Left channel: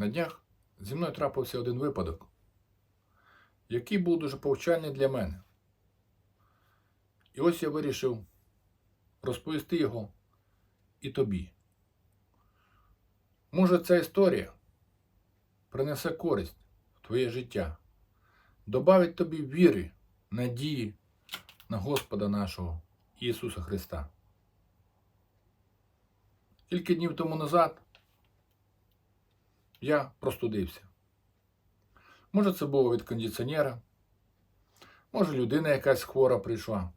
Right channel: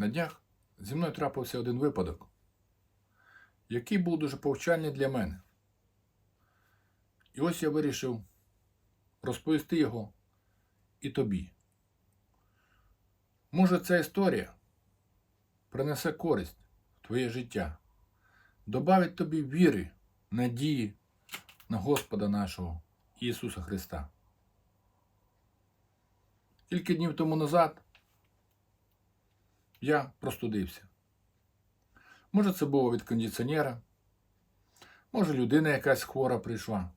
На днях зі мною трапився один випадок, який був дуже повчальний для мене. І ось я вирішив розповісти його і тобі. Може, ця історія принесе користь в твоє життя, добавить тобі віри, надії на Господа нашого Ісуса Христа. Кілька днів тому назад я простудився. Може, це було від кондиціонера, може, людина якась хвора прийшла.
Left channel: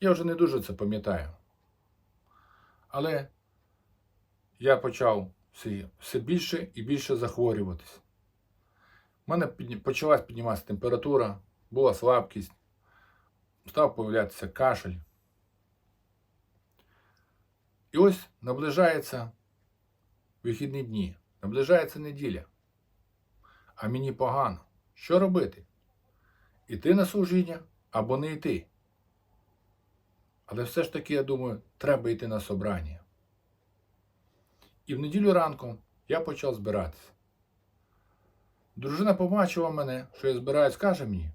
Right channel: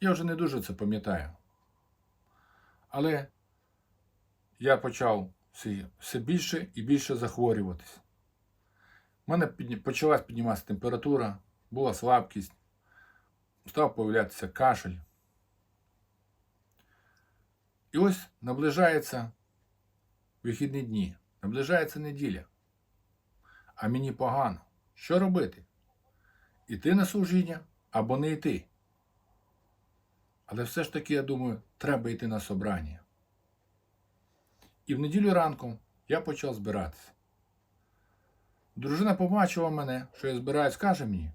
Я вже не дуже це пам'ятаю. Але я почав все, більше і більше захворюватись. У мене почалась підніматися температура, була слабкість, став появлятися кашель. І ось наближаються вихідні дні, наближається неділя. А мені погано. Що робити? Іти на служіння або не йти? Але все ж таки, я думаю, треба йти на собрання. І в неділю ранком я почав збиратися. Дружина побачила мене, що я збираюсь, каже мені,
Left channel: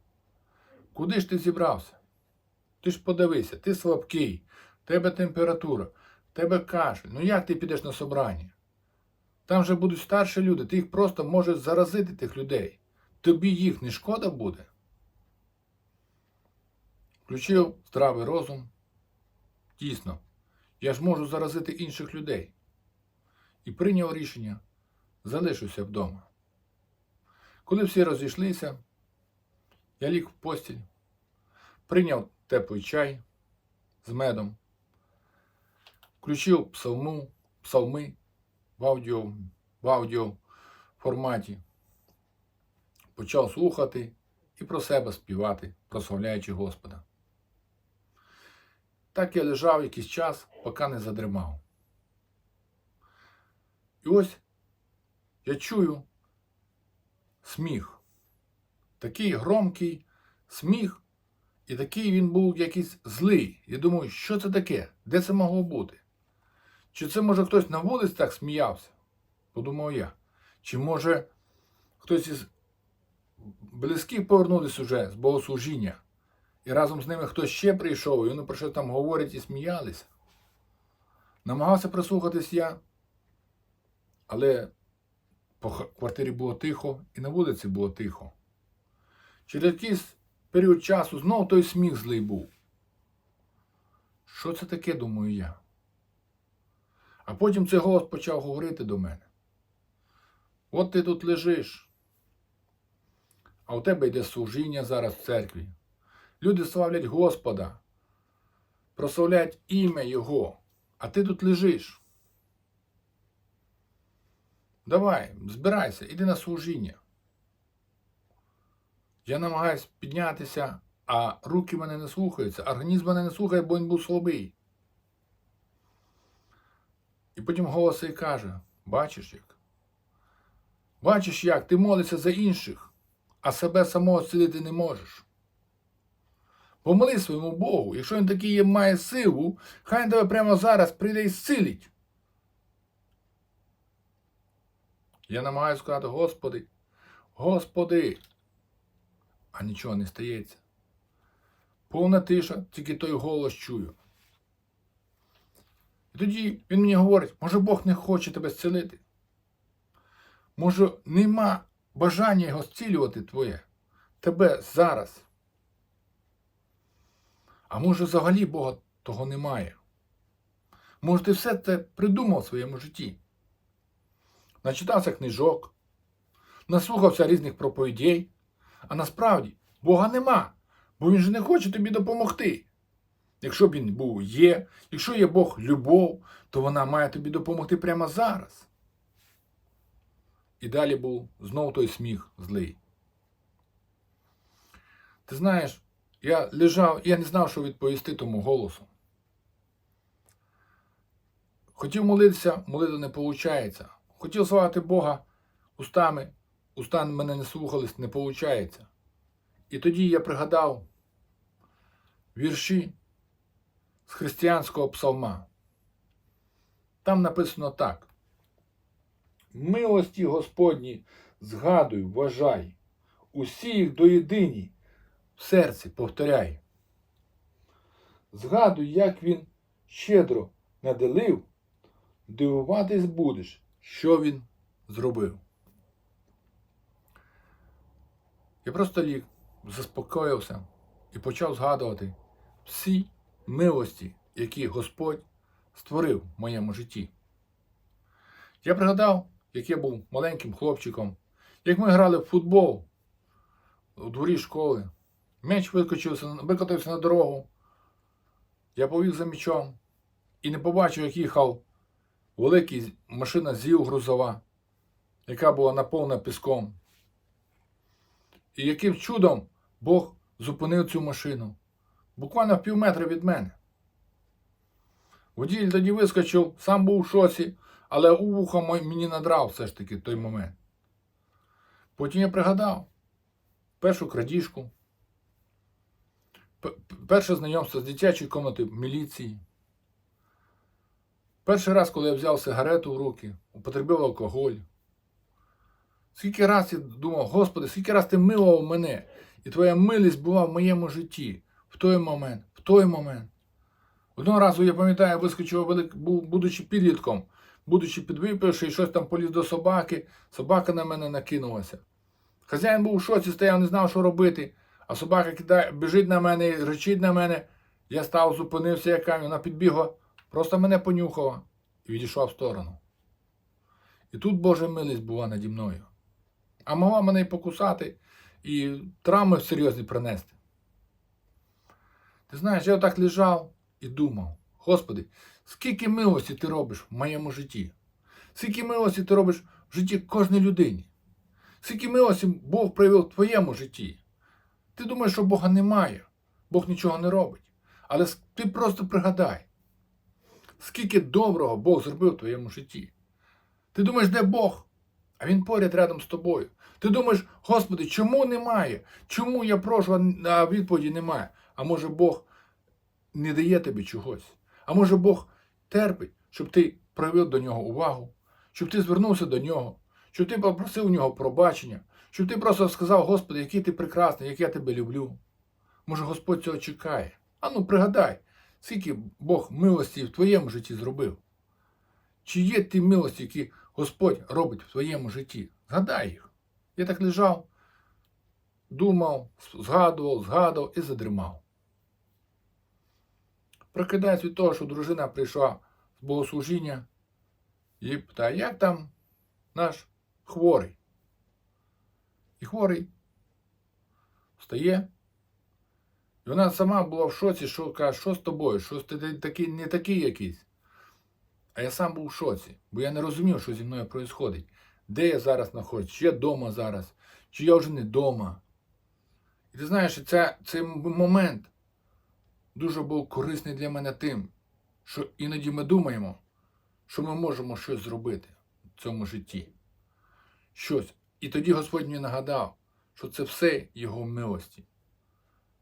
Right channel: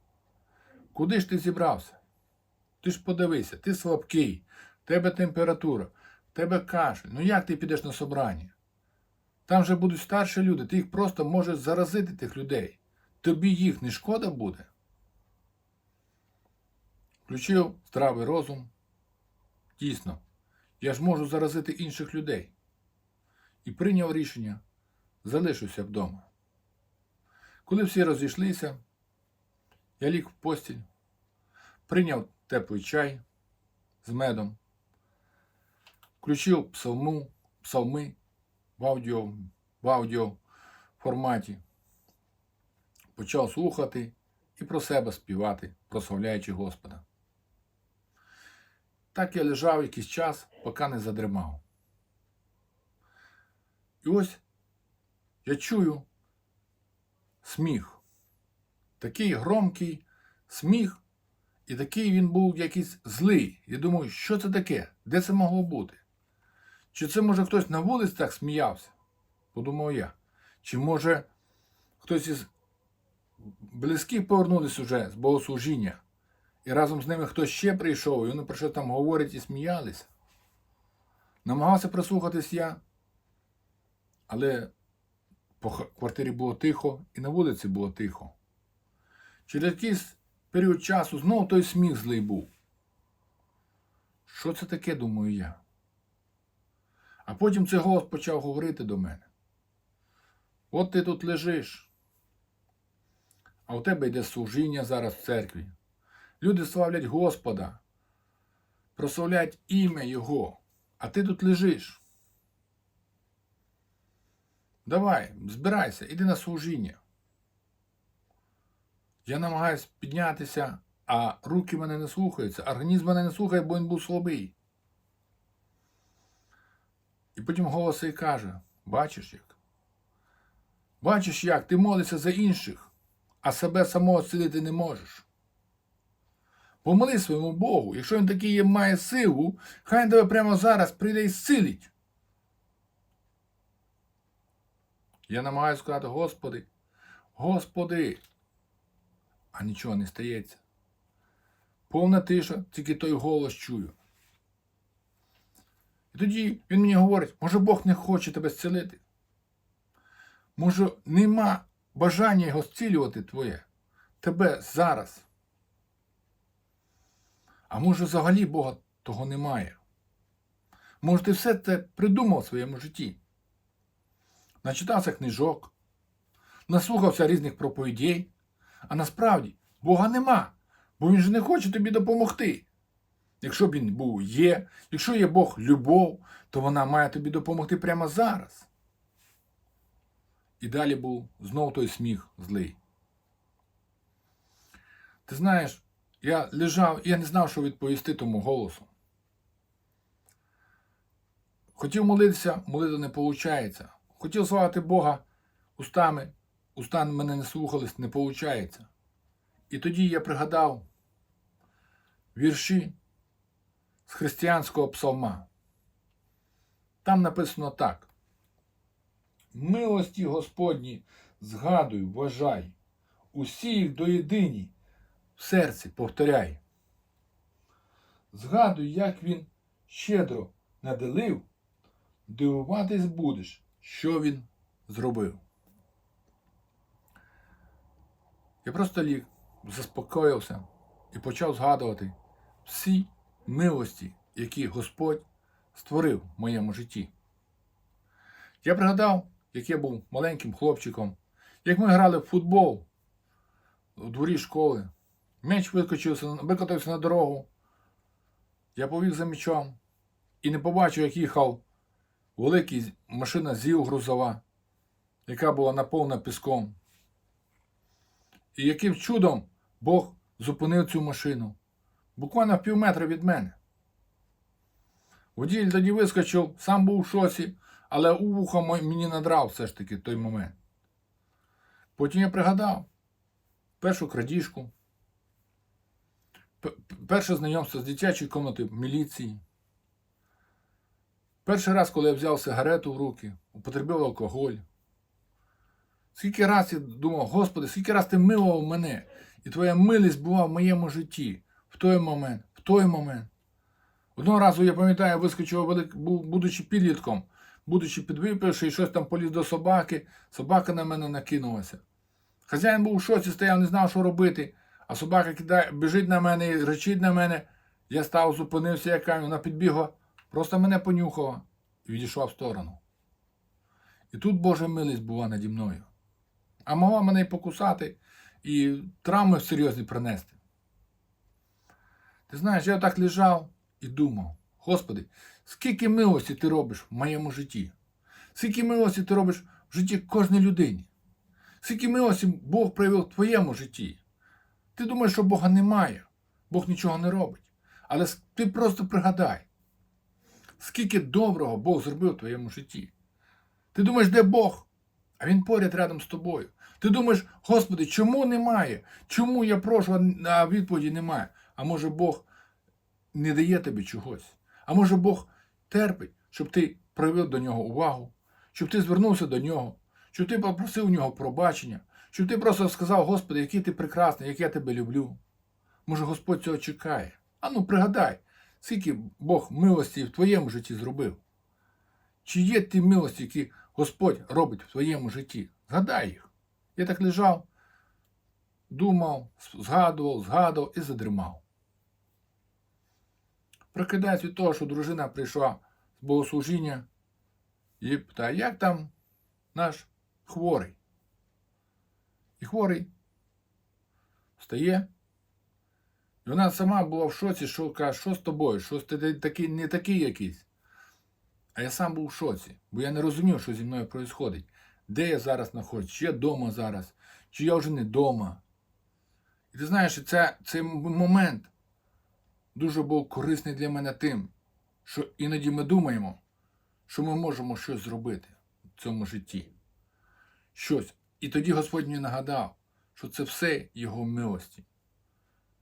куди ж ти зібрався? Ти ж подивися, ти слабкий, в тебе температура, в тебе кашель. Ну як ти підеш на собрання? Там же будуть старші люди, ти їх просто можеш заразити тих людей. Тобі їх не шкода буде. Включив здравий розум. Дійсно, я ж можу заразити інших людей. І прийняв рішення, залишуся вдома. Коли всі розійшлися, я ліг в постіль, прийняв теплий чай з медом, включив псалму, псалми в аудіо, в аудіо форматі, почав слухати і про себе співати, прославляючи Господа. Так я лежав якийсь час, поки не задримав. І ось я чую сміх. Такий громкий сміх, і такий він був якийсь злий. Я думаю, що це таке? Де це могло бути? Чи це, може, хтось на вулиці так сміявся? Подумав я. Чи може хтось із близьких повернулись уже з богослужіння, і разом з ними хтось ще прийшов, і вони про що там говорять і сміялися? Намагався прислухатись я, але по квартирі було тихо, і на вулиці було тихо. Через якийсь період часу знову той сміх злий був. Що це таке, думаю я? А потім цей голос почав говорити до мене. От ти тут лежиш, а у тебе йде служіння зараз в церкві. Люди славлять Господа, прославляють ім'я Його, а ти тут лежиш. Давай, збирайся, іди на служіння. Я намагаюсь піднятися, а руки мене не слухаються, організм мене не слухає, бо він був слабий. І потім голос і каже: бачиш як? Бачиш як, ти молишся за інших, а себе самого зцілити не можеш. Помоли своєму Богу, якщо він такий є, має силу, хай він тебе прямо зараз прийде і зцілить. Я намагаюся сказати, Господи, Господи, а нічого не стається. Повна тиша, тільки той голос чую. Тоді він мені говорить, може Бог не хоче тебе зцілити? Може, нема бажання його зцілювати твоє, тебе зараз. А може, взагалі Бога того немає? Може, ти все це придумав в своєму житті? Начитався книжок, наслухався різних проповідей, а насправді Бога нема, бо Він же не хоче тобі допомогти. Якщо б він був є, якщо є Бог любов, то вона має тобі допомогти прямо зараз. І далі був знов той сміх злий. Ти знаєш, я лежав, я не знав, що відповісти тому голосу. Хотів молитися, молитва не виходить. Хотів славити Бога устами, уста мене не слухались, не виходить. І тоді я пригадав вірші з християнського псалма. Там написано так. милості Господні згадуй, вважай, усі їх до єдині в серці повторяй. Згадуй, як він щедро наделив, дивуватись будеш, що він зробив. Я просто ліг, заспокоївся і почав згадувати всі милості, які Господь створив в моєму житті. Я пригадав, як я був маленьким хлопчиком, як ми грали в футбол у дворі школи. Меч викотився, на дорогу. Я повів за мечом і не побачив, як їхав великий машина ЗІЛ грузова, яка була наповнена піском. І яким чудом Бог зупинив цю машину буквально в пів метра від мене. Водій тоді вискочив, сам був в шоці, але у вуха мені надрав все ж таки той момент. Потім я пригадав першу крадіжку, перше знайомство з дитячою комнатою міліції. Перший раз, коли я взяв сигарету в руки, употребив алкоголь. Скільки раз я думав, Господи, скільки раз ти милував мене, і твоя милість була в моєму житті той момент, в той момент. Одного разу, я пам'ятаю, я вискочив, будучи підлітком, будучи підвипивши, і щось там поліз до собаки, собака на мене накинулася. Хазяїн був у шоці, стояв, не знав, що робити, а собака кидає, біжить на мене, речить на мене. Я став, зупинився, яка вона підбігла, просто мене понюхала і відійшла в сторону. І тут Божа милість була наді мною. А могла мене і покусати, і травми серйозні принести. Ти знаєш, я отак лежав і думав, Господи, скільки милості ти робиш в моєму житті? Скільки милості ти робиш в житті кожній людині? Скільки милості Бог проявив в твоєму житті? Ти думаєш, що Бога немає, Бог нічого не робить. Але ти просто пригадай, скільки доброго Бог зробив в твоєму житті. Ти думаєш, де Бог? А Він поряд рядом з тобою. Ти думаєш, Господи, чому немає? Чому я прошу, а відповіді немає? А може Бог не дає тобі чогось? А може Бог терпить, щоб ти проявив до нього увагу, щоб ти звернувся до нього, щоб ти попросив у нього пробачення, щоб ти просто сказав, Господи, який ти прекрасний, як я тебе люблю. Може, Господь цього чекає. А ну пригадай, скільки Бог милості в твоєму житті зробив. Чи є ті милості, які Господь робить в твоєму житті? Згадай їх. Я так лежав, думав, згадував, згадував і задрімав. Прокидаюсь від того, що дружина прийшла з богослужіння і питає, як там наш хворий? І хворий встає. І вона сама була в шоці, що каже, що з тобою? Що ти такий, не такий якийсь. А я сам був в шоці, бо я не розумів, що зі мною відбувається. Де я зараз знаходжусь, чи я вдома зараз, чи я вже не вдома. І ти знаєш, це, цей момент дуже був корисний для мене тим, що іноді ми думаємо, що ми можемо щось зробити в цьому житті. Щось. І тоді Господь мені нагадав, що це все Його милості.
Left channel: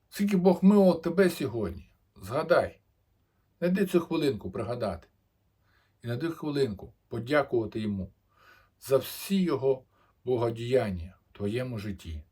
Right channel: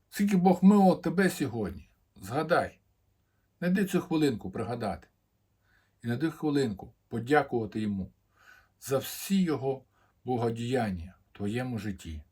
Скільки Бог милував тебе сьогодні, згадай, найди цю хвилинку пригадати. І найди хвилинку подякувати йому за всі його богодіяння в твоєму житті.